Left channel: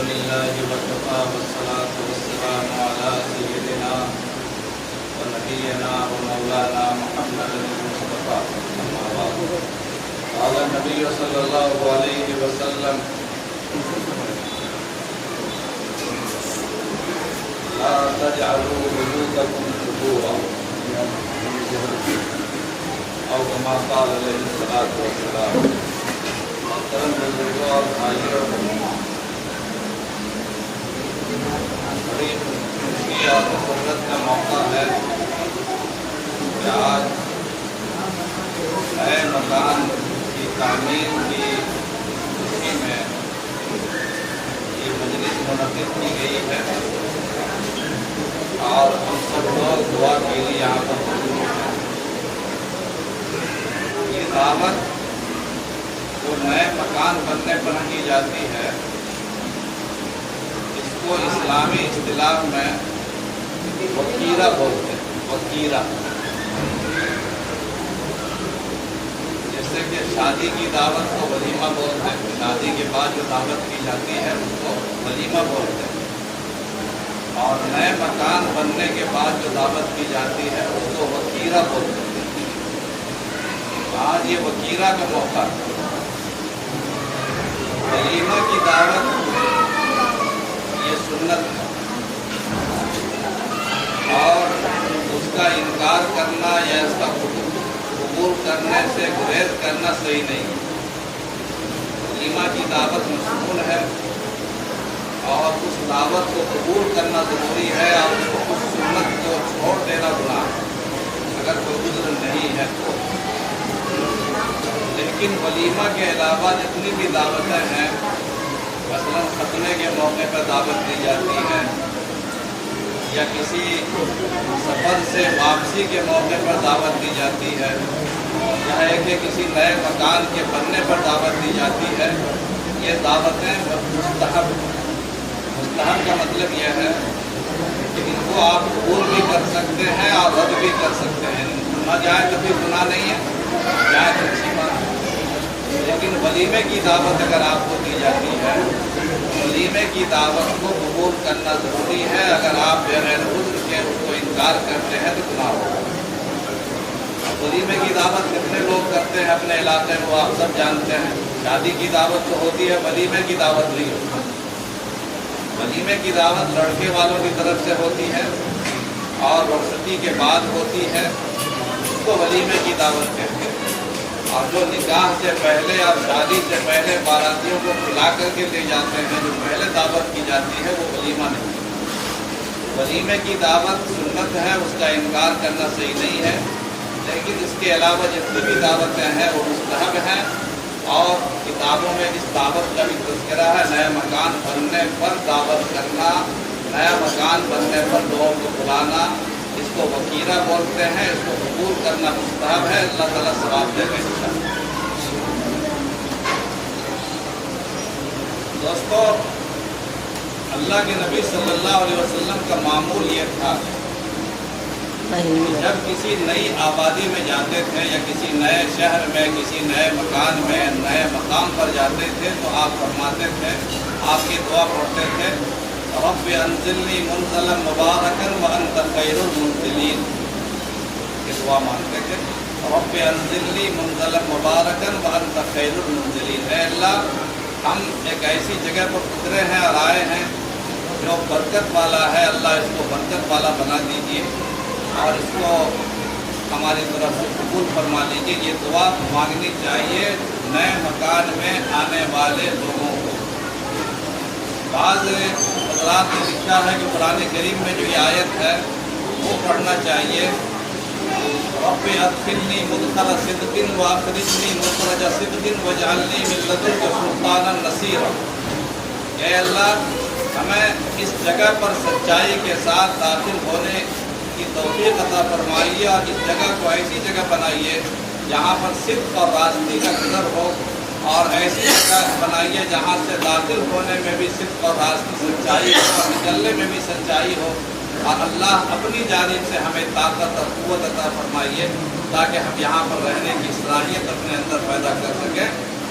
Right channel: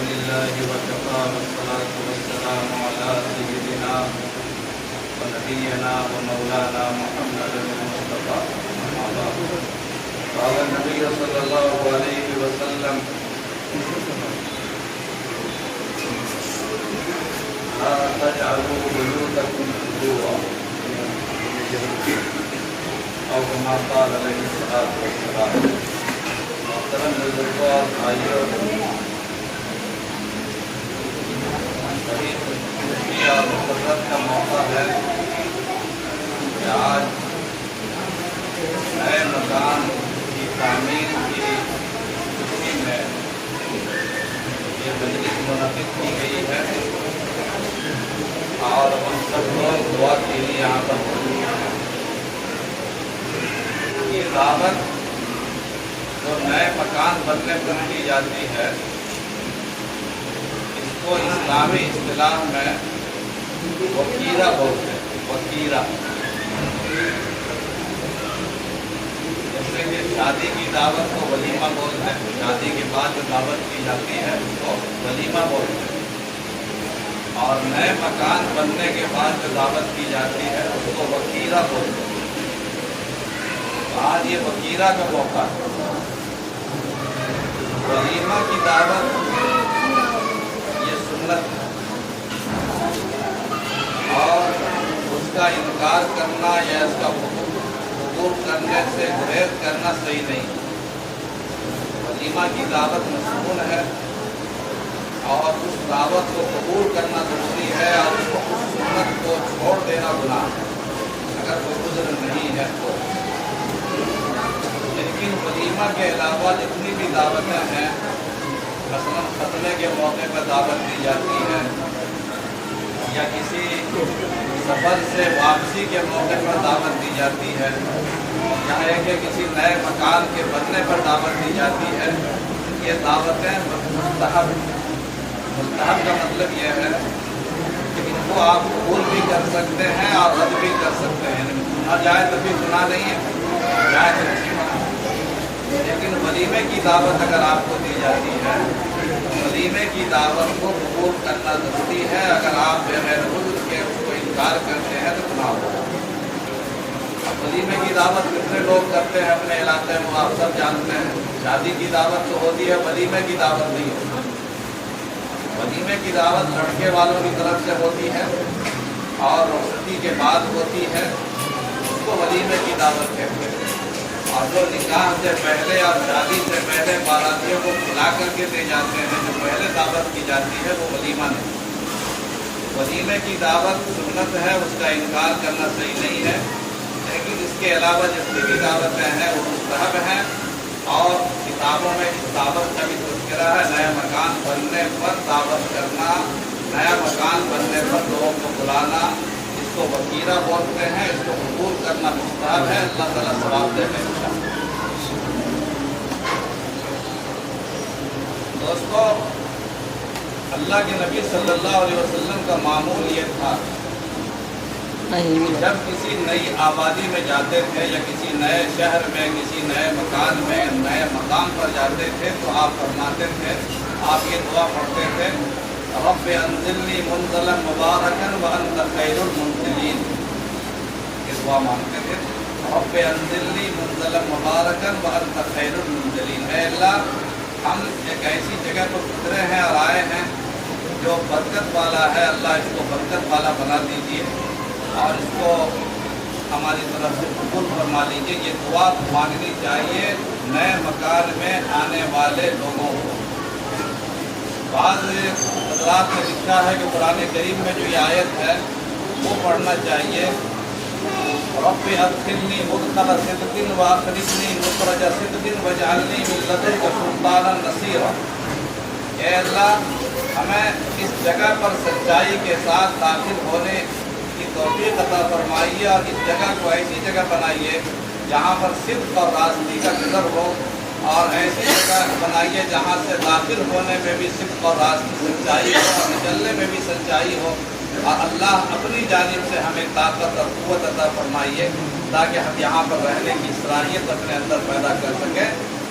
لله وكفى والصلاة والسلام على سيدنا ونبينا ومولانا محمد المصطفى أما بعد قال النبي صلى الله عليه وسلم لا تجعلوا بيوتكم قبورا او كما قال علیہ الصلوۃ والسلام۔ محترم بزرگوں اور بھائیوں، بڑی خوشی اور مسرت کا موقع ہے کہ آج نئے مکان کی تعمیر کی خوشی میں یہ مجلس منعقد کی گئی ہے اور ہم سب لوگ دعا کے لیے یہاں پر موجود ہیں۔ یہ دعوت جو نئے مکان بننے پر کی جاتی ہے، اس کو اسلامی اصطلاح میں وکیرہ بولتے ہیں۔ وکیرہ جیسے کہ شادی کی دعوت کو ولیمہ بولتے ہیں، شادی کے بعد جو دعوت کی جاتی ہے اس کو ولیمہ بولتے ہیں، اور نئے مکان بننے کے بعد جو دعوت کی جاتی ہے اس کو وکیرہ بولتے ہیں۔ آج یہ وکیرہ کا موقع ہے۔ ولیمہ کی دعوت یہ سنت ہے اور اس کا انکار کرنا یا اس کا قبول کرنے سے گریز کرنا صحیح نہیں۔ ولیمہ کی دعوت مشمول ہے اور اس دعوت کو قبول کرنا ضروری ہے، اور اس سنت کو چھوڑ دینا گناہ اگر کوئی عذر نہیں ہے تو۔ لیکن ولیمہ کے علاوہ جتنی بھی دعوتیں ہیں، مثلا ختنے کے موقع پر دعوت دی جاتی ہے، یا کسی سفر سے واپسی کے موقع پر دعوت دی جاتی ہے، یا ہے کہ کسی نئے مکان کے بننے پر دعوت دی جاتی ہے، یہ دعوتیں مستحب ہیں۔ مستحب کا مطلب یہ ہے کہ ان کو آپ قبول بھی کر سکتے ہیں اور رد بھی کر سکتے ہیں۔ نہ جائے تو بھی گناہ نہیں ہے، جائے تو اچھی بات ہے۔ لیکن ولیمے کی دعوت اگر آپ کو دی جاتی ہے، ولیمے کی دعوت کو قبول کرنا ضروری ہے۔ اگر آپ بغیر عذر کے اس کو انکار کرتے ہیں تو گناہ ہوگا۔ اب ولیمے کی دعوت کتنے لوگ کرتے ہیں اپنے علاقے میں، وہ آپ سب جانتے ہیں۔ شادی کی دعوت جو ہوتی ہے ولیمے کی دعوت نہیں ہوتی۔ ولیمے کی دعوت لڑکے والوں کی طرف سے ہوتی ہے اور رخصتی کے بعد ہوتی ہے، اس کو ولیمے کی دعوت کہتے ہیں۔ اور جو نکاح سے پہلے اور شادی سے پہلے باراتیوں کو کھلا کر کے لے جاتے ہیں، جو پہلے دعوت کی جاتی ہے، وہ ولیمہ نہیں۔ ولیمے کی دعوت سنت ہے، اس کا انکار کرنا صحیح نہیں ہے، لیکن اس کے علاوہ جتنی بھی دعوتیں ہیں وہ مستحب ہیں، اور کتابوں میں اس دعوت کا بھی تذکرہ ہے۔ نئے مکان بننے پر دعوت کرنا، نیا مکان بننے پر لوگوں کو بلانا، اس کو وکیرہ بولتے ہیں، اس کو قبول کرنا مستحب ہے۔ اللہ تعالیٰ ثواب دے گا انشاءاللہ۔ دوستو، اللہ کے نبی صلی اللہ علیہ وسلم کا معمول یہ تھا جب کسی نئی آبادی میں جاتے تھے یا کسی نئے شہر میں، کسی نئے مکان میں، نئے مقام پر جاتے تھے تو آپ فرماتے تھے، آپ یہ دعا پڑھتے تھے، رب انزلنی منزلا مبارکا وانت خیر المنزلین۔ یہ دعا مانگتے تھے، رب انزلنی منزلا مبارکا وانت خیر المنزلین۔ اے اللہ، ہم ایک ایسی جگہ پر گزرے ہیں اور آئے ہیں جو برکت والا ہے، اللہ اس کو برکت والا بنا دیجیے اور اس کو ہماری طرف سے قبول فرما لیجیے۔ یہ دعا مانگنی چاہیے نئے مکان میں آنے والے لوگوں کو۔ بعض حضرات نے لکھا ہے کہ قرآن کریم میں جو یہ آیت ہے وہ پڑھنا چاہیے، رب ادخلنی مدخل صدق واخرجنی مخرج صدق واجعلنی من لدنک سلطانا نصیرا۔ اے اللہ، ہمیں اس جگہ پر سچائی کے ساتھ داخل ہونے کی توفیق عطا فرمائیے، اور اس جگہ کو ایسی جگہ بنائیے جہاں پر صدق اور راستی کا گزر ہو، اور ایسی جگہ بنائیے جہاں سے داخل ہونے میں بھی صدق اور راستی سچائی ہو اور نکلنے میں بھی سچائی ہو، اور اللہ اپنی جانب سے ہمیں طاقت اور قوت عطا فرمائیے تاکہ ہم یہاں پر رہنے کی صلاحیت اپنے اندر پیدا کر سکیں۔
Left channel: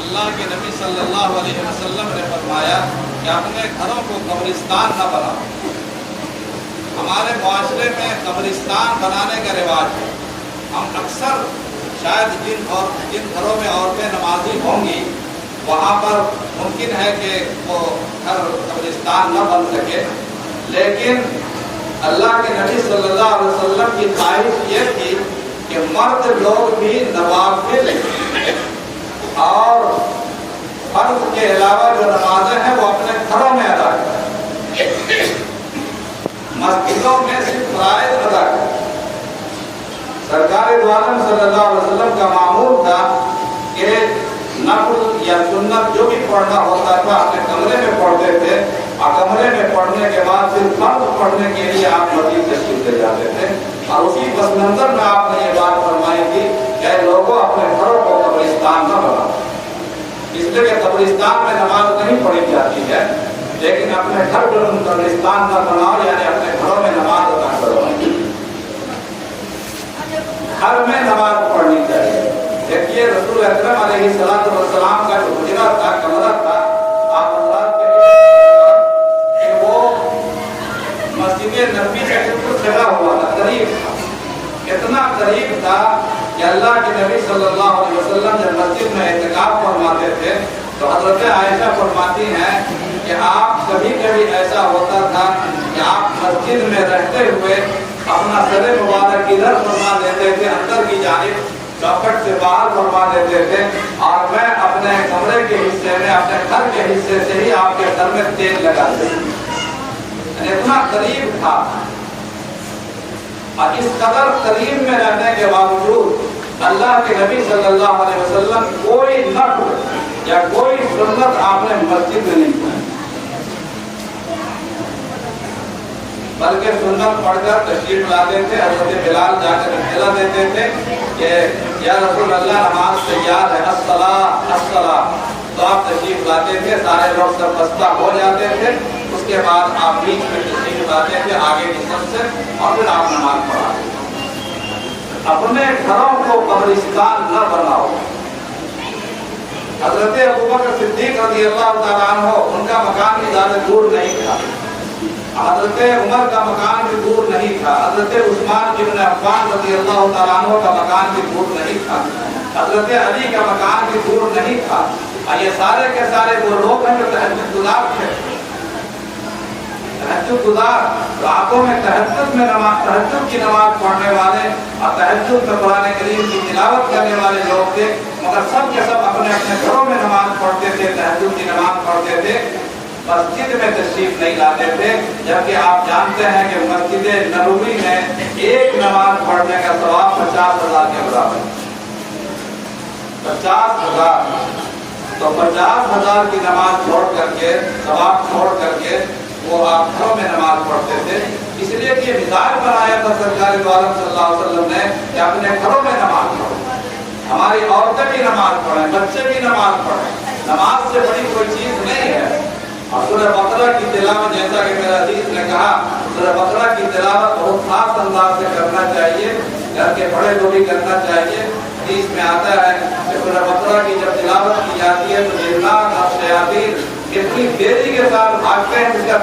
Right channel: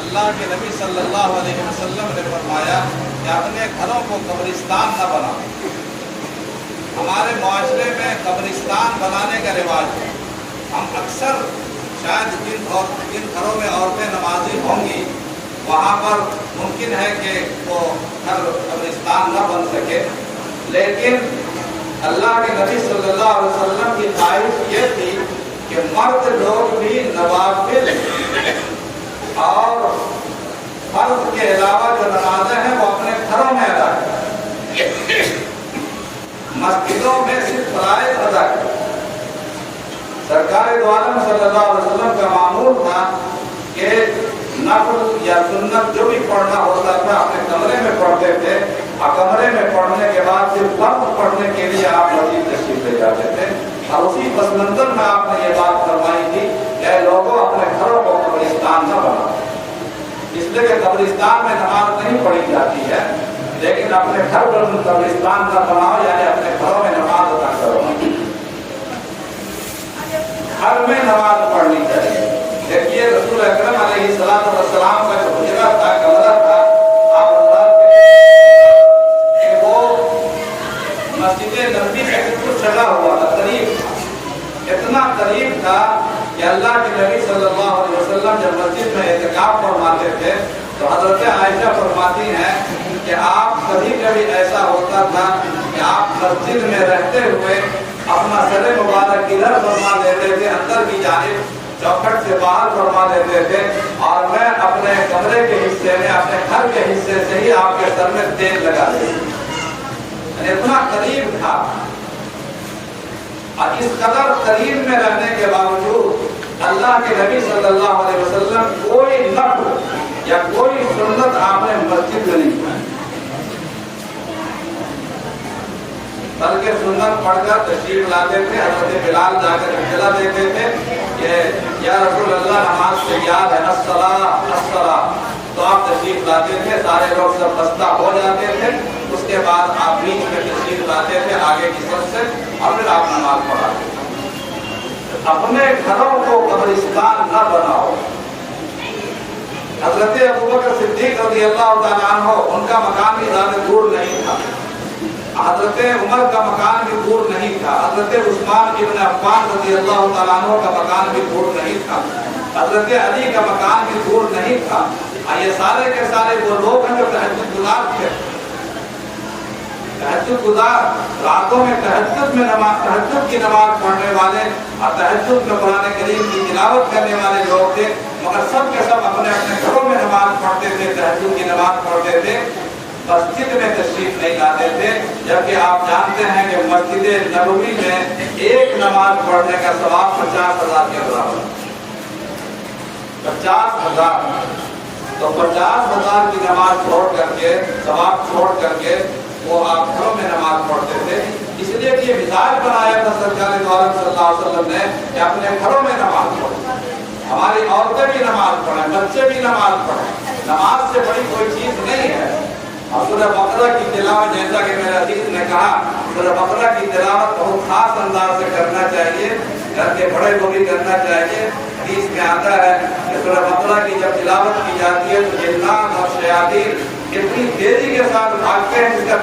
اللہ کے نبی صلی اللہ علیہ وسلم نے فرمایا کہ اپنے گھروں کو قبرستان نہ بناؤ۔ ہمارے معاشرے میں قبرستان بنانے کا رواج ہے۔ ہم اکثر شاید جن گھروں میں عورتیں نمازی ہوں گی وہاں پر ممکن ہے کہ وہ گھر قبرستان نہ بن سکے، لیکن اللہ کے نبی صلی اللہ علیہ وسلم کی خواہش یہ تھی کہ مرد لوگ بھی نوافل اور فرض کے علاوہ جو نمازیں ہیں وہ اپنے گھروں میں ادا کریں، مسجدوں میں صرف فرائض ادا کریں۔ سرکار دو عالم صلی اللہ علیہ وسلم کا معمول تھا کہ نفل یا سنت جو بھی پڑھنا ہوتا تھا اپنے کمرے میں پڑھتے تھے، اور کمرے میں پڑھنے کے بعد صرف فرض پڑھنے کے لیے آپ مسجد تشریف لے جاتے تھے۔ اور اسی پس منظر میں آپ نے یہ بات فرمائی تھی کہ لوگوں اپنے گھروں کو قبرستان نہ بناؤ، اس لیے کہ قبرستان میں نماز نہیں پڑھی جاتی ہے، لیکن اپنے گھر پر قبرستان نہ بناؤ، یعنی اپنے گھروں میں نماز ادا کرو، گھر میں نماز پڑھنی چاہیے۔ دیکھیے رسول اکرم علیہ السلام کا جو حجرہ تھا، کمرہ تھا، آپ حضرات کہ وہ مسجد نبوی سے بالکل سجا ہوا تھا، قریب تھا، اتنا قریب تھا کہ اللہ کے نبی صلی اللہ علیہ وسلم جب مسجد میں اعتکاف فرماتے تھے تو حضرت عائشہ فرماتی ہیں کہ آپ کبھی کبھی ایسا ہوتا تھا کہ آپ مسجد میں رہتے ہوئے اپنا سر مبارک ادھر فرما دیتے تھے، اندر کی جانب چوکھٹ سے باہر فرما دیتے تھے، اور میں اپنے کمرے کے حصے میں، اپنے گھر کے حصے سے ہی آپ کے سر میں تیل لگا دیتے، اتنا قریب تھا۔ اور اس قدر قریب میں رہنے کے باوجود اللہ کے نبی صلی اللہ علیہ وسلم کوئی نفل یا کوئی سنت آپ نے مسجد میں نہیں پڑھی، بلکہ سنت پڑھ کر تشریف لاتے تھے۔ حضرت بلال جا کر اطلاع دیتے تھے کہ یا رسول اللہ نماز تیار ہے، الصلاۃ الصلاۃ، تو آپ تشریف لاتے تھے، سارے لوگ سب بستہ ہو جاتے تھے، اس کے بعد آپ بیچ میں تشریف لاتے تھے آگے کی صف سے، اور پھر آپ نماز پڑھاتے تھے۔ اپنے گھروں کو قبرستان نہ بناؤ۔ حضرت ابوبکر صدیق رضی اللہ تعالیٰ عنہ، ان کا مکان بھی زیادہ دور نہیں تھا، حضرت عمر کا مکان بھی دور نہیں تھا، حضرت عثمان ابن عفان رضی اللہ تعالیٰ عنہ کا مکان بھی دور نہیں تھا، حضرت علی کا مکان بھی دور نہیں تھا۔ یہ سارے کے سارے وہ لوگ ہیں جو تہجد گزار تھے، تہجد گزار، راتوں میں تہجد کی نماز پڑھنے والے اور تہجد میں قرآن کریم کی تلاوت کرنے والے لوگ تھے، مگر سب کے سب اپنے اپنے گھروں میں نماز پڑھتے تھے، تہجد کی نماز پڑھتے تھے، مسجد میں تشریف نہیں لاتے تھے۔ جبکہ آپ جانتے ہیں کہ مسجد نبوی میں ایک نماز پڑھنے کا ثواب 50,000 کے برابر ہے، 50,000۔ تو 50,000 کی نماز چھوڑ کر کے، ثواب چھوڑ کر کے وہ آپ گھروں میں نماز پڑھتے تھے۔ اس لیے کہ یہ مزاج بنایا تھا سرکار دو عالم صلی اللہ علیہ وسلم نے کہ اپنے گھروں میں نماز پڑھو، ہماری عورتیں بھی نماز پڑھیں، بچے بھی نماز پڑھیں، نماز سے بڑی کوئی چیز نہیں ہے۔ اور سورہ بقرہ کی تلاوت، جیسا کہ میرے حدیث نے کہا، سورہ بقرہ کی تلاوت بہت خاص انداز سے کرنا چاہیے، گھر کے بڑے کو بھی کرنا چاہیے۔ حدیث میں آتا ہے کہ سورہ بقرہ کی جب تلاوت کی جاتی ہے تو جنات اور شیاطین اتنی تیزی کے ساتھ بھاگتے ہیں جس کا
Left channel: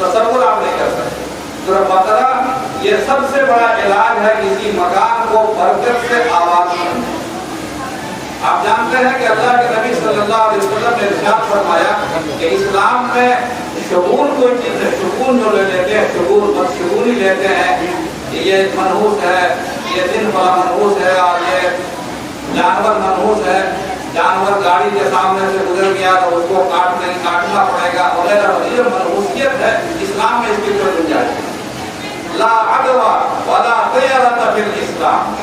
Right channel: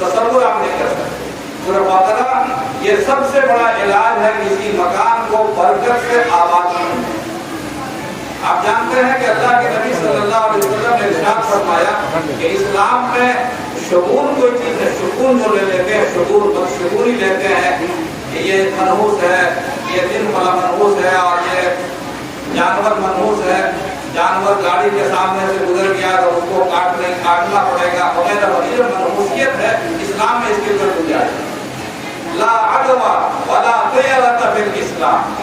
تصور آپ نہیں کر سکتے۔ سورہ بقرہ یہ سب سے بڑا علاج ہے کسی مکان کو برکت سے آباد کرنے۔ آپ جانتے ہیں کہ اللہ کے نبی صلی اللہ علیہ وسلم نے ارشاد فرمایا کہ اسلام میں شگون کوئی چیز ہے، شگون جو لیتے ہیں، شگون بدشگونی لیتے ہیں کہ یہ منحوس ہے، یہ دن والا منحوس ہے، اور یہ جانور منحوس ہے، جانور گاڑی کے سامنے سے گزر گیا تو اس کو کاٹنا پڑے گا وغیرہ وغیرہ، منحوسیت ہے۔ اسلام میں اس کی کوئی گنجائش نہیں۔ لا عدوى ولا طیرۃ فی الاسلام،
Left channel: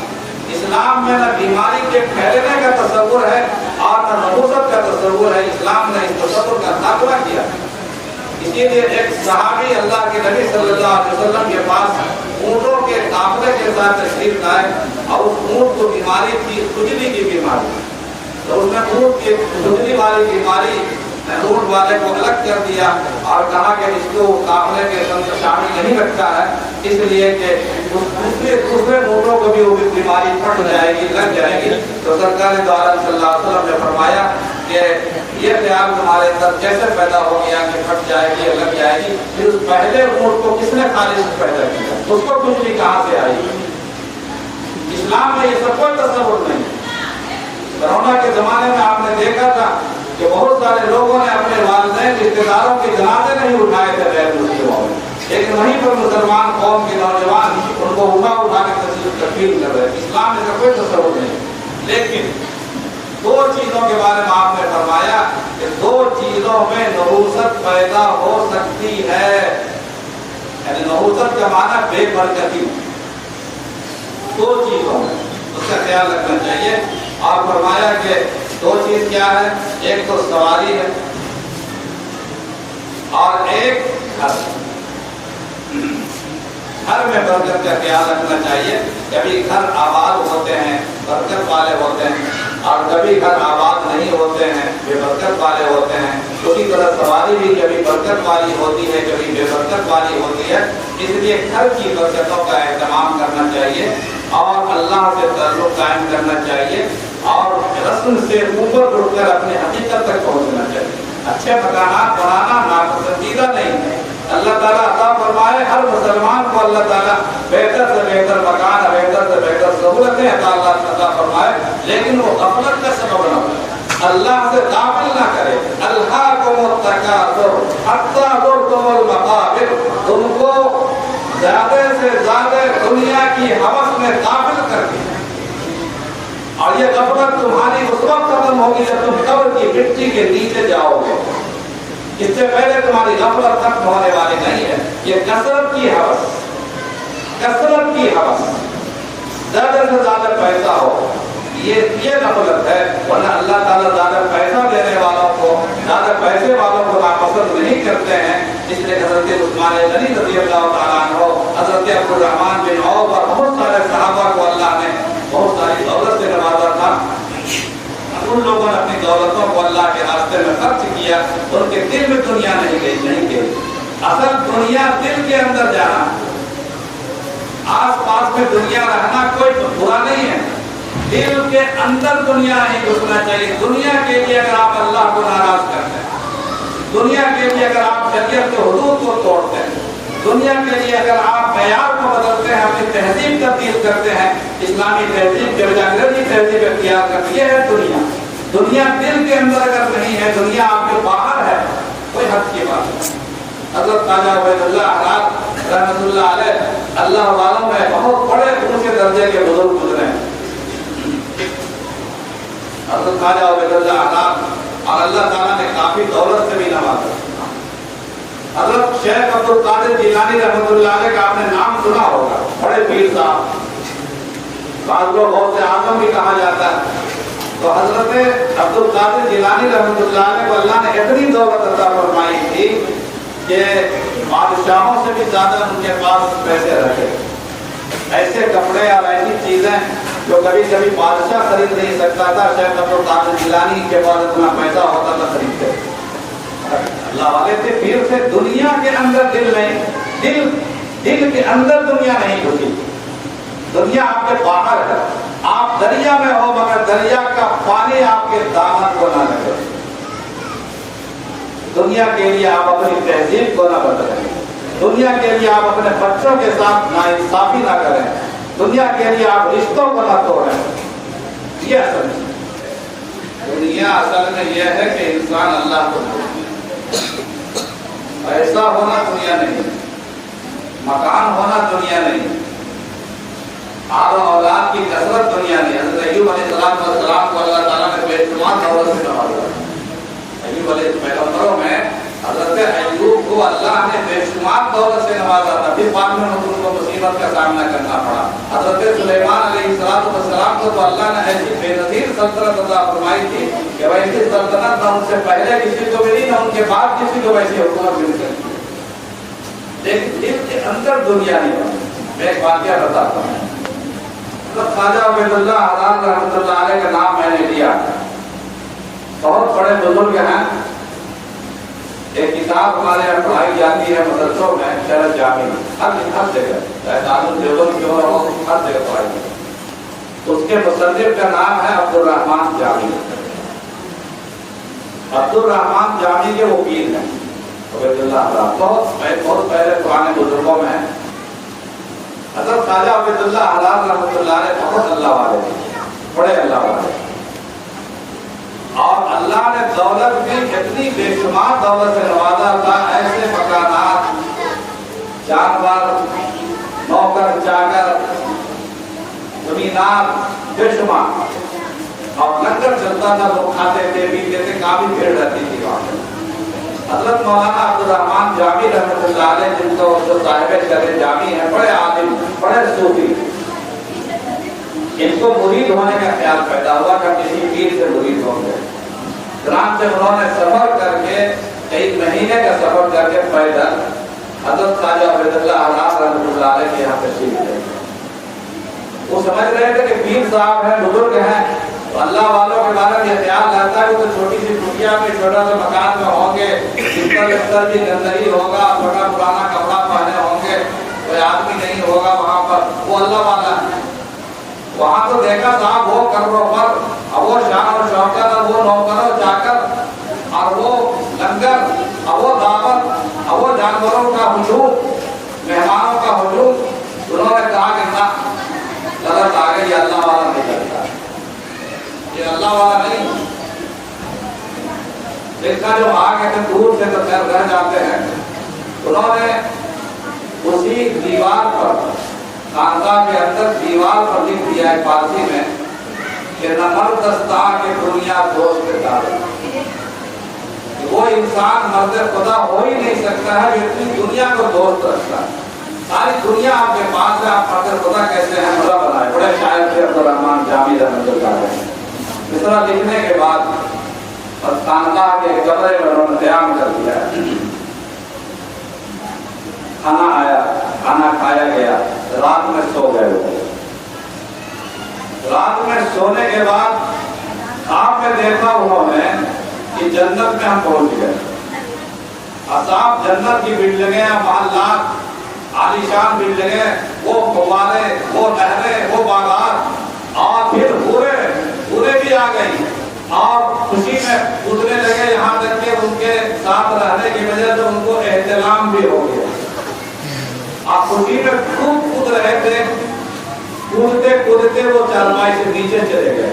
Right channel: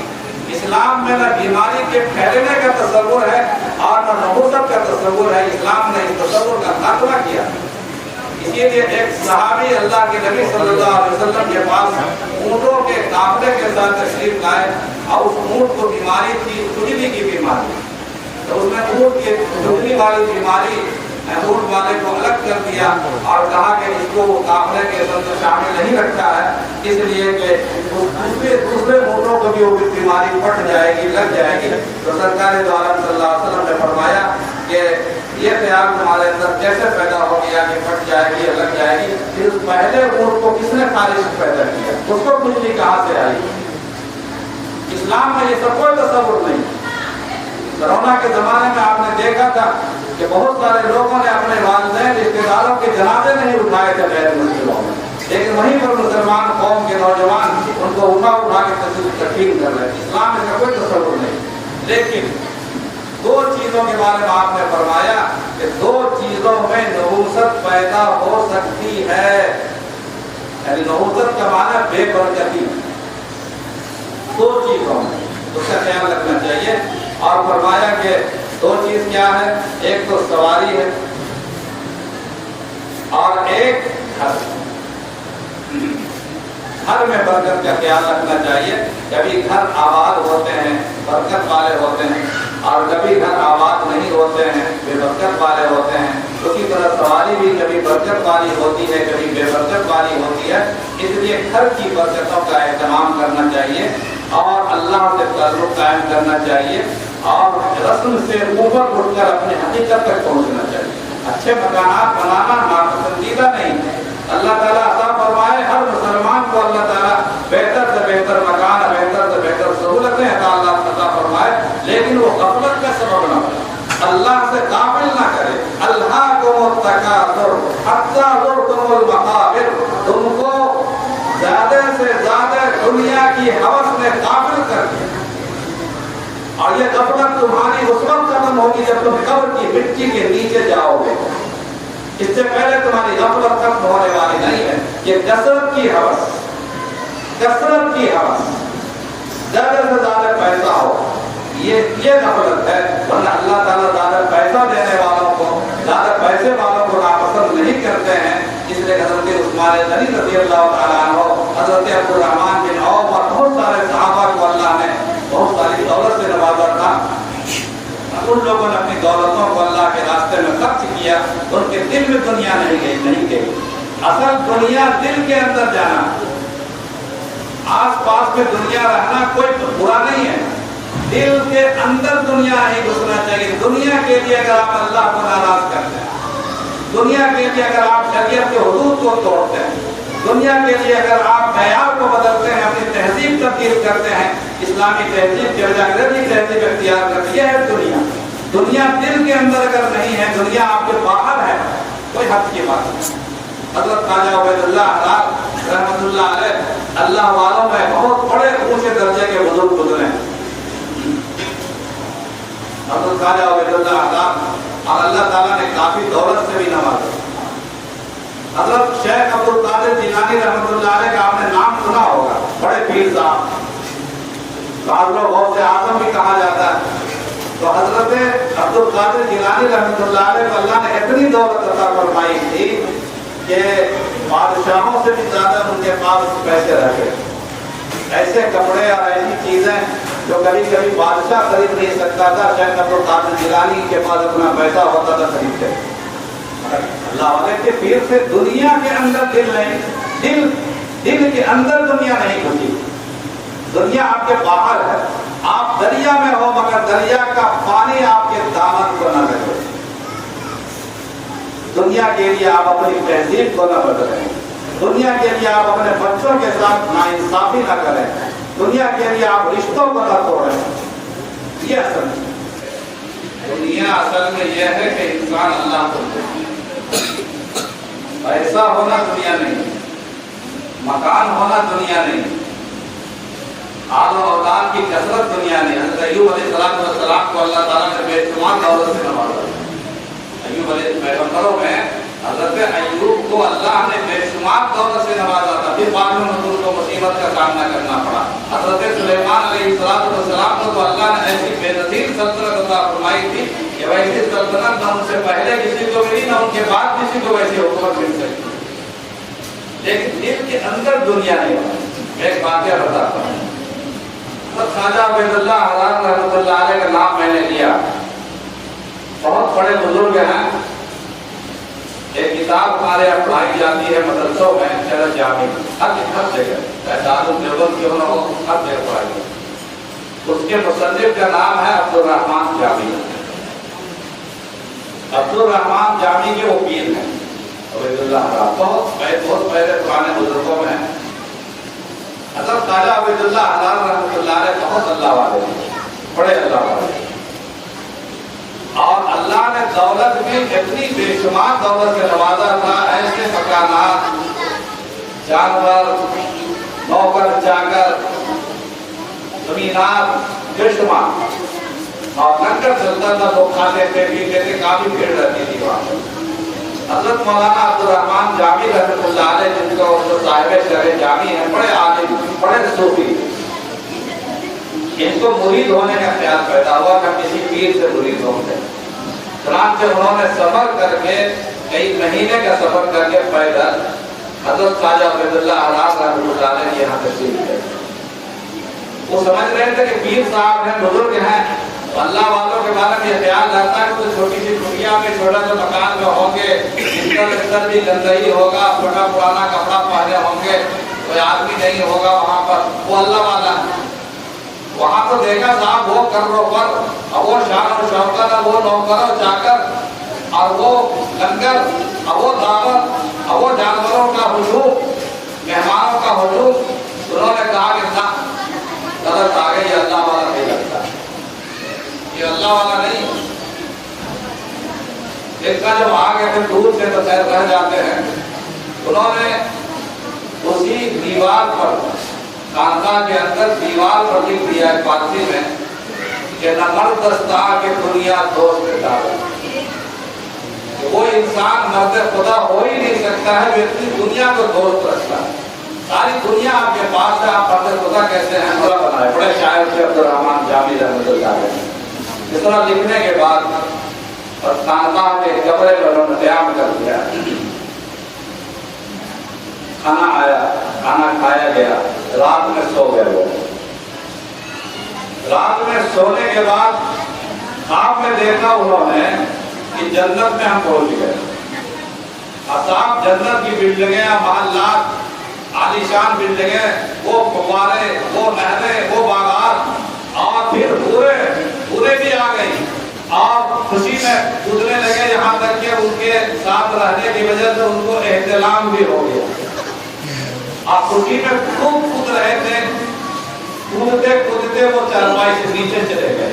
اسلام میں نہ بیماری کے پھیلنے کا تصور ہے اور نہ نبوت کا تصور ہے، اسلام نے اس تصور کا خاتمہ کیا۔ اسی لیے ایک صحابی اللہ کے نبی صلی اللہ علیہ وسلم کے پاس اونٹوں کے قافلے کے ساتھ تشریف لائے، اور اس اونٹ کو بیماری تھی، خجلی کی بیماری، تو اس نے اونٹ کی خجلی والی بیماری اونٹ والے کو الگ کر دیا اور کہا کہ اس کو قافلے کے اندر شامل نہیں رکھا ہے، اس لیے کہ دوسرے اونٹوں کو بھی وہ بیماری پھٹ جائے گی، لگ جائے گی۔ تو سرکار دو عالم صلی اللہ علیہ وسلم نے فرمایا خیال تمہارے اندر کیسے پیدا ہو گیا کہ پھٹ جائے گی یا لگ جائے گی؟ پھر اس پہلے اونٹ کو کس نے خارج سے پیدا کیا؟ اس کو بجلی کہاں سے آئی؟ اسلام میں یہ سب کوئی تصور نہیں۔ کرونا کے زمانے میں آپ نے دیکھا تھا کہ بہت سارے لوگوں نے اپنے والدین رشتے داروں کے جنازے نہیں اٹھائے تھے غیر مسلموں میں، لیکن وہیں پر مسلمان قوم کے نوجوان ان کو اٹھا کے تکفین کر رہے ہیں۔ اسلام میں کوئی تصور نہیں۔ لیکن دو چیزوں کے بارے میں آپ نے فرمایا کہ دو چیزوں میں نحوست پیدا ہو سکتی ہے، یعنی نحوست کا معنی بے برکتی، دو چیزوں میں اس کا خیال رکھنا چاہیے۔ اور فرمایا کہ دو چیز کیا ہے؟ ایک تو سواری ہے اور ایک گھر۔ گھر میں برکت کا خیال رکھنا چاہیے۔ کبھی گھر آباد ہوتے ہیں برکت والے ہوتے ہیں، اور کبھی گھر آباد نہیں ہوتے ہیں بے برکت والے ہوتے ہیں۔ اسی طرح سواری بھی کبھی برکت والی ہوتی ہے کبھی بے برکت والی ہوتی ہے۔ اس لیے گھر کی برکتوں کا اہتمام کرنا چاہیے اور اللہ سے تعلق قائم کرنا چاہیے اور رسم سے اوپر اٹھ کر اپنی حقیقت تک پہنچنا چاہیے۔ اچھے مکانات بنانا ناپسندیدہ نہیں ہے۔ اللہ تعالیٰ عطا فرمائے ہر مسلمان کو اللہ تعالیٰ بہتر سے بہتر مکان، بہتر سے بہتر سہولتیں عطا فرمائے، لیکن وہ غفلت کا سبب نہ بنے، اللہ سے غافل نہ کرے۔ الہاکم التکاثر حتی زرتم المقابر، تم کو زیادہ سے زیادہ دنیا کی ہوس نے غافل کر دیا، اور یہ غفلت تمہاری اس وقت ختم ہوگی جب تم قبر کی مٹی کے نیچے جاؤ گے۔ اس سے پہلے تمہاری غفلت ختم ہونے والی نہیں ہے۔ یہ کثرت کی ہوس، کثرت کی ہوس، زیادہ سے زیادہ پیسہ ہو، یہ غفلت ہے۔ ورنہ اللہ تعالیٰ زیادہ پیسہ دینے والوں کو، زیادہ پیسے والوں کو ناپسند نہیں کرتے ہیں۔ اس لیے حضرت عثمان غنی رضی اللہ تعالیٰ عنہ، حضرت عبدالرحمن بن عوف اور بہت سارے صحابہ کو اللہ نے بہت ساری دولت سے نوازا تھا۔ ان لوگوں نے اپنی دولتوں کو اللہ کے راستے میں خرچ کیا، ان کے دل میں دنیا نہیں گئی۔ اصل دنیا دل کے اندر جانا، آس پاس میں دنیا رہنا کوئی برا نہیں ہے، دل کے اندر دنیا نہیں گھسنا چاہیے۔ دنیا کے لیے اگر آپ اللہ کو ناراض کرتے ہیں، دنیا کے لیے اگر آپ شریعت کے حدود کو توڑتے ہیں، دنیا کے لیے اگر آپ معیار کو بدلتے ہیں، اپنی تہذیب تبدیل کرتے ہیں، اسلامی تہذیب کے بجائے انگریزی تہذیب اختیار کرتی ہے دنیا۔ دنیا دل کے اندر اگر نہیں ہے، دنیا آپ کے باہر ہے، کوئی حد کی بات نہیں۔ حضرت خواجہ عبید اللہ حراد رحمۃ اللہ علیہ اللہ والوں میں بہت بڑے اونچے درجے کے بزرگ گزرے ہیں۔ حضرت خواجہ عبید اللہ حراد اور اللہ تعالیٰ نے کافی دولت سے بھی نوازا۔ حضرت شیخ عبد القادر جیلانی رحمۃ اللہ علیہ کا آپ نے نام سنا ہوگا، بڑے پیر صاحب، بعض لوگ غوث اعظم بھی کہا جاتا ہے۔ تو حضرت عبد القادر جیلانی رحمۃ اللہ علیہ کو اللہ نے اتنی دولت عطا فرمائی تھی کہ بادشاہوں سے بھی زیادہ ان کے پاس پیسے رکھے، ایسے کپڑے اور ایسی چیزیں جو کبھی کبھی بادشاہ خرید نہیں سکتا تھا، شیخ عبد القادر جیلانی کے پاس اتنا پیسہ ہوتا تھا خریدتے۔ اللہ والے تھے، پیر سے دنیا کے اندر دل نہیں، دل کے اندر دنیا نہیں گھسی، دنیا آپ کے باہر ہے۔ آپ دریا میں ہو مگر دریا کا پانی آپ کے دامن کو نہ لگے۔ دنیا کے لیے آپ اپنی تہذیب کو نہ بدلیں، دنیا کے لیے آپ اپنے بچوں کے ساتھ ناانصافی نہ کریں، دنیا کے لیے آپ رشتوں کو نہ توڑیں۔ یہ اصل دنیا اصل میں یہ ہے کہ انسان اللہ کو ایسا ہونا دنیا نہیں، مکان ہونا دنیا نہیں، آل و اولاد کی کثرت دنیا نہیں۔ حضرت ایوب علیہ السلام کو اللہ تعالیٰ نے بے شمار دولت سے نوازا۔ ایوب علیہ پیغمبروں میں حضرت ایوب کو اللہ نے بے شمار دولت سے نوازا تھا، پھر بعد میں ان کو مصیبت کا سامنا کرنا پڑا۔ حضرت سلیمان علیہ السلام کو تو اللہ نے ایسی بے نظیر سلطنت عطا فرمائی تھی کہ ویسی سلطنت نہ ان سے پہلے کسی کو ملی، نہ ان کے بعد کسی کو ویسی حکومت مل سکتی، لیکن دل کے اندر دنیا نہیں بنی۔ میں ایک واقعہ بتاتا ہوں۔ خواجہ عبید اللہ حراد رحمۃ اللہ علیہ کا نام میں نے لیا، بہت بڑے بزرگ ہیں۔ ایک کتاب ہمارے یہاں پڑھائی جاتی ہے مدرسوں میں، شہر جامع، ہر جگہ، چاہے دارالدیوبند کیوں نہ ہو، ہر جگہ پڑھائی جاتی ہے۔ اس کے مصنف کا نام ہے عبدالرحمن جامی۔ عبدالرحمن جامی کے وہ پیر ہیں عبید اللہ حضرات، بہت پہلے پرانے بزرگوں میں ہیں۔ حضرت خواجہ عبید اللہ حضرات رحمۃ اللہ علیہ بہت اللہ والے تھے، بڑے اللہ والے، اور اللہ نے دولت بھی اتنی بے شمار دولت سے نوازا تھا، ایسے مکانات، جانور، نوکر چاکر، زمینات بے شمار، اور لنگر چلتا تھا، لوگ کھاتے تھے پیتے تھے، کافی بھیڑ رہتی تھی وہاں پہ۔ حضرت مولانا عبدالرحمن جامی رحمۃ اللہ علیہ جن کو جو صاحب شرح جامی ہیں، بڑے عالم، بڑے صوفی، ان کو مرید ہونے کا خیال پیدا ہوا کہ کسی پیر سے مرید ہوں گے، چنانچہ انہوں نے سفر کر کے کئی مہینے کا سفر کر کے پیدل حضرت خواجہ عبید اللہ حضرات رحمۃ اللہ علیہ کے یہاں تشریف لے۔ وہ سمجھ رہے تھے کہ پیر صاحب ہیں، بزرگ ہیں، تو اللہ والوں کے بارے میں یہ خیال رہتا ہے کہ چھوٹی سی ٹکیا میں چھوٹا سا مکان میں ہوں گے، بستر بھی گندگی ہوگا، چھوٹا پرانا کپڑا پہنے ہوں گے، کوئی آدمی نہیں ہوگا وہاں پر، وہ اللہ والا ہے۔ وہاں تو دیکھا صاحب وہ قبروں پر، اور وہ شان اور شوکت، اور وہ نوکر و چاکر، اور وہ لنگر، اور وہ دعوت، اور وہ جانوروں کا ہجوم، مہمانوں کا ہجوم۔ انہوں نے کہا کہ نہ، غلط آ گئی، یہ اللہ والا نہیں لگتا، یہ اللہ والا نہیں۔ دیکھا جب آ گئے تھے دور سے تو خیر رہ جاتے ہیں، انہوں نے اسی دیوار پر، خانقاہ کے اندر دیوار پر لکھ دیا ہے فارسی میں کہ نہ مرد دستا کہ دنیا دوست دار، وہ انسان مرد خدا ہو ہی نہیں سکتا ہے جو اتنی دنیا کو دوست رکھتا ہے۔ ساری دنیا آپ کے پاس ہے، آپ مرد خدا کیسے ہیں؟ اللہ بنائے۔ بڑے شاعر تھے عبدالرحمن جامی رحمۃ اللہ علیہ۔ اس طرح لکھنے کے بعد اور خانقاہ کے کمرے میں انہوں نے قیام کر دیا، کھانا آیا، کھانا کھایا گیا، رات میں سو گئے۔ وہ رات میں سونے کے بعد خواب میں دیکھا انہوں نے کہ جنت میں ہم پہنچ گئے، اصحاب جنت کی بلڈنگیں، محلات، عالیشان بلڈنگیں، وہ فوارے، وہ نہریں، وہ باغات، اور پھر پورے بھی آ گئی، اور خوشی میں کودنے لگے، یہاں تک کہ ان کے ساتھ رہنے کی وجہ سے ان کو احتلام بھی ہو گیا۔ آپ خوشی میں خوب کود رہے تھے، کودتے وہ چارپائی سے نیچے چلے گئے۔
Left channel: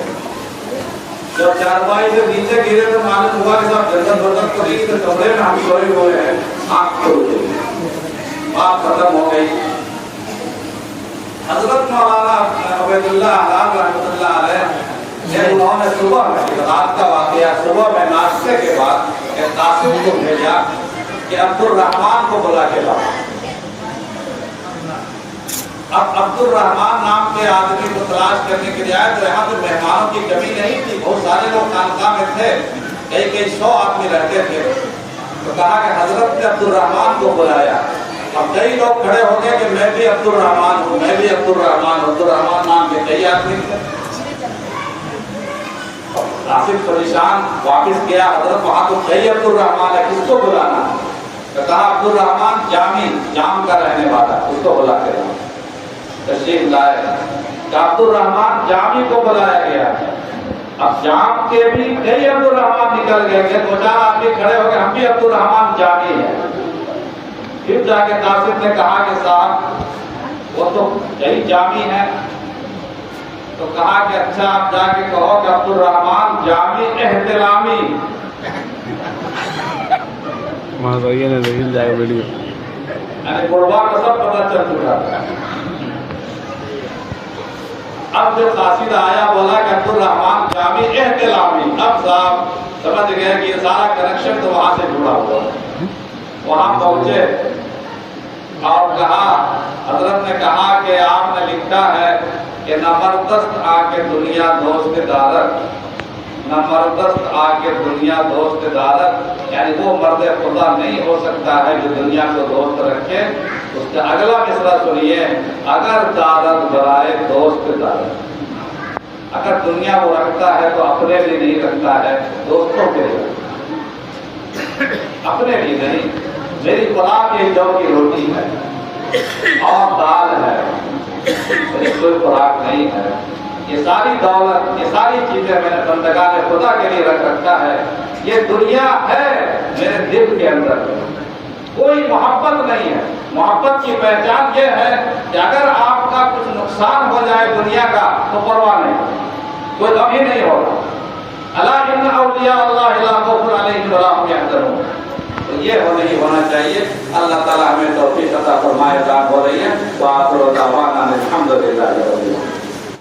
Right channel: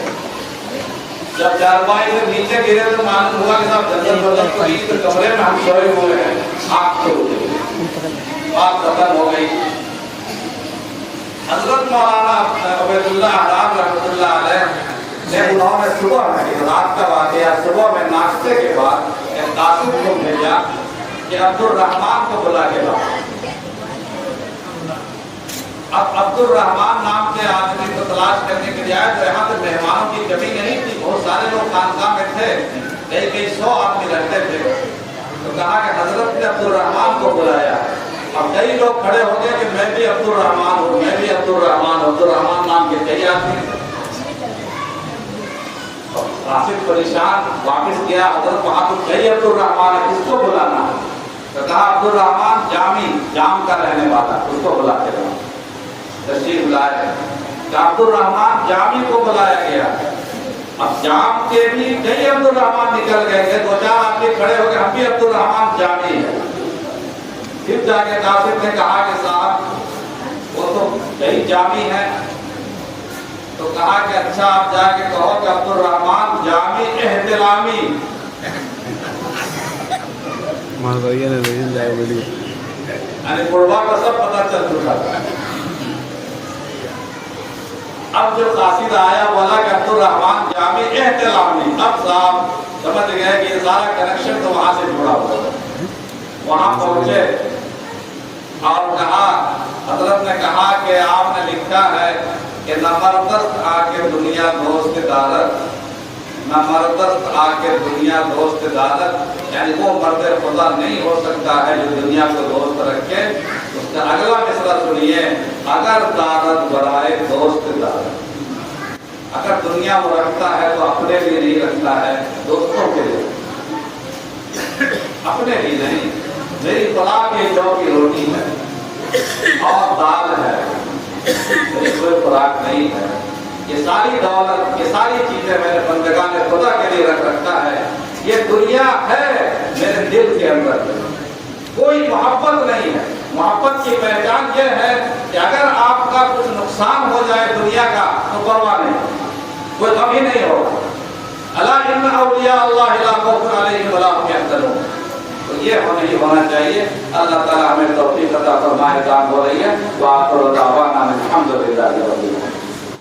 جب چارپائی سے نیچے گرے تو معلوم ہوا کہ صاحب جنت بدت کو نہیں، تو کمرے میں ہم سوئے ہوئے ہیں، آنکھ کھل گئی، بات ختم ہو گئی۔ حضرت مولانا عبید اللہ حضرات رحمۃ اللہ علیہ نے انہوں نے صبح میں، رات کا واقعہ، صبح میں ناشتے کے بعد ایک قاصد کو بھیجا کہ عبدالرحمن کو بلا کے لاؤ۔ اب عبدالرحمن نام کے آدمی کو تلاش کرنے کے لیے آئے تو یہاں تو مہمانوں کی کمی نہیں تھی، بہت سارے لوگ خانقاہ میں تھے، کئی 100 آدمی رہتے تھے۔ تو کہا کہ حضرت نے عبدالرحمن کو بلایا، اور کئی لوگ کھڑے ہو گئے کہ میں بھی عبدالرحمن ہوں، میں بھی عبدالرحمن ہوں۔ عبدالرحمن نام کے کئی آدمی تھے۔ قاصد پریشان واپس گیا، حضرت وہاں تو کئی عبدالرحمن ہے، کس کو بلانا ہے؟ تو کہا عبدالرحمن جامی، جام کا رہنے والا، اس کو بلا کے لاؤ۔ تشریف لائے کہ عبدالرحمن جامی کو بلایا گیا۔ اب جام کے بھی کئی عبدالرحمن نکل گئے کہ 2-4 آدمی کھڑے ہو گئے، ہم بھی عبدالرحمن جامی ہیں۔ پھر جا کے قاصد نے کہا کہ صاحب وہ تو کئی جامی ہیں، تو کہا کہ اچھا آپ جا کے کہو کہ عبدالرحمن جامی احترامی۔ یعنی قربا کا سب پتہ چل چکا تھا۔ اب جو قاصد آیا بولا کہ عبدالرحمن جامی احترامی، اب صاحب سمجھ گئے کہ یہ سارا کنیکشن تو وہاں سے جڑا ہوا ہے۔ وہاں پہنچے اور کہا، حضرت نے کہا کہ آپ نے لکھا ہے کہ نہ مردست آ کے دنیا دوست دارت، نہ مردست آ کے دنیا دوست دارت، یعنی وہ مرد خدا نہیں ہو سکتا ہے جو دنیا کو دوست رکھے۔ اس کا اگلا مصرع سنیے، اگر دارت برائے دوست دارت، اگر دنیا کو رکھتا ہے تو اپنے لیے نہیں رکھتا ہے، دوستوں کے لیے، اپنے لیے نہیں۔ میری خوراک یہ جو کی روٹی ہے اور دال ہے، میری کوئی خوراک نہیں ہے۔ یہ ساری دولت، یہ ساری چیزیں میں نے بندگان خدا کے لیے رکھتا ہے، یہ دنیا ہے میرے دل کے اندر، کوئی محبت نہیں ہے۔ محبت کی پہچان یہ ہے کہ اگر آپ کا کچھ نقصان ہو جائے دنیا کا تو پرواہ نہیں، کوئی غم ہی نہیں ہوگا۔ الا ان اولیاء اللہ لا خوف علیہم ولا هم يحزنون، تو یہ ہونا چاہیے۔ اللہ تعالیٰ ہمیں توفیق عطا فرمائے۔ دعا ہو رہی ہے، وآخر دعوانا الحمد للہ رب العالمین۔